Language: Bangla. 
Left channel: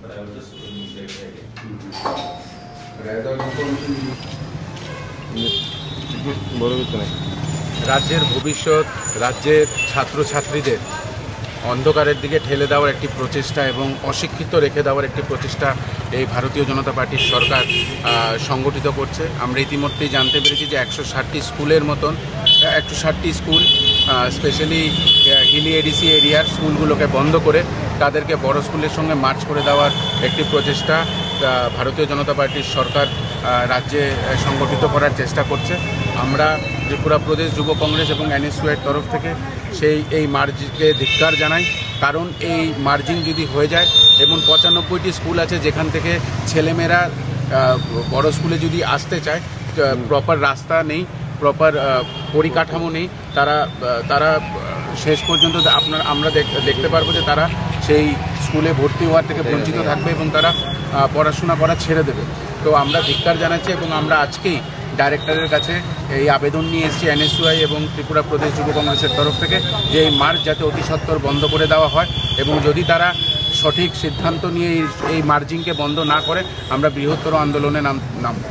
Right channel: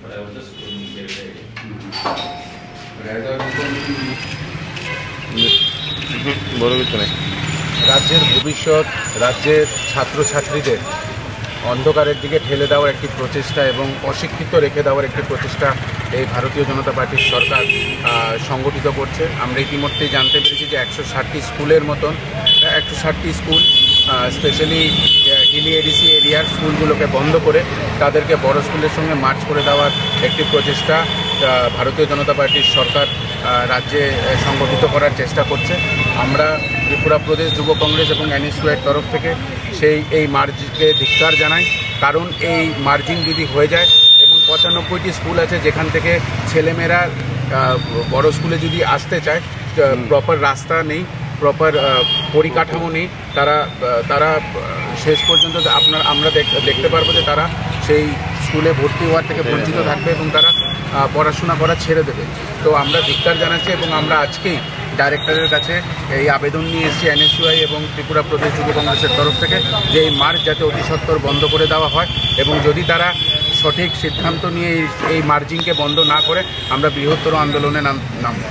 but I was just doing this area. বড় কিছু নেই। রাজ্যের ভবিষ্যৎ, রাজ্যের ছাত্রছাত্রীদের অন্ধকারের দিকে ঠেলে দেওয়ার একটি প্রচেষ্টা এবং অশিক্ষিত রেখে দেওয়ার একটি প্রচেষ্টা এই ভারতীয় জনতা পার্টির সরকার সংগঠিত করছে। আমরা ইতিমধ্যেই জানতে পেরেছি যে 160টি স্কুলের মতন 160টি স্কুল স্পেশালি হিলি এডিসি এরিয়ার স্কুলগুলোকে বন্ধ করে তাদেরকে বড় স্কুলের সঙ্গে মার্চ করে দেওয়ার একটি প্রচেষ্টা ভারতীয় জনতা পার্টির সরকার রাজ্যে সংগঠিত করার চেষ্টা করছে। আমরা ত্রিপুরা প্রদেশ যুব কংগ্রেস এবং NSUIর তরফ থেকে এই মার্জকে ধিক্কার জানাই। কারণ এই মার্জিং যদি হয়ে যায় এবং 95টি স্কুল আছে যেখান থেকে ছেলেমেয়েরা বড় স্কুলে যদি আসতে চায়, প্রপার রাস্তা নেই, প্রপার পরিকাঠামো নেই, তারা শেষ পর্যন্ত আমরা দেখতে পারবো যে তারা সেই স্কুলে ভর্তি হওয়ার থেকে বঞ্চিত থাকবে এবং তারা পড়াশোনা করা ছেড়ে দেবে। তো আমরা ধিক্কার জানাচ্ছি এবং আমরা আজকেই ডাইরেক্টরের কাছে এই আবেদন নিয়ে এসেছি NSUI এবং ত্রিপুরা প্রদেশ যুব কংগ্রেসের তরফ থেকে যে এই মার্চ যাতে অতি সত্বর বন্ধ করে দেওয়া হয় এবং যদি তারা সঠিক সিদ্ধান্ত নিয়ে এই মার্জিংকে বন্ধ না করে আমরা বৃহত্তর আন্দোলনে নামব।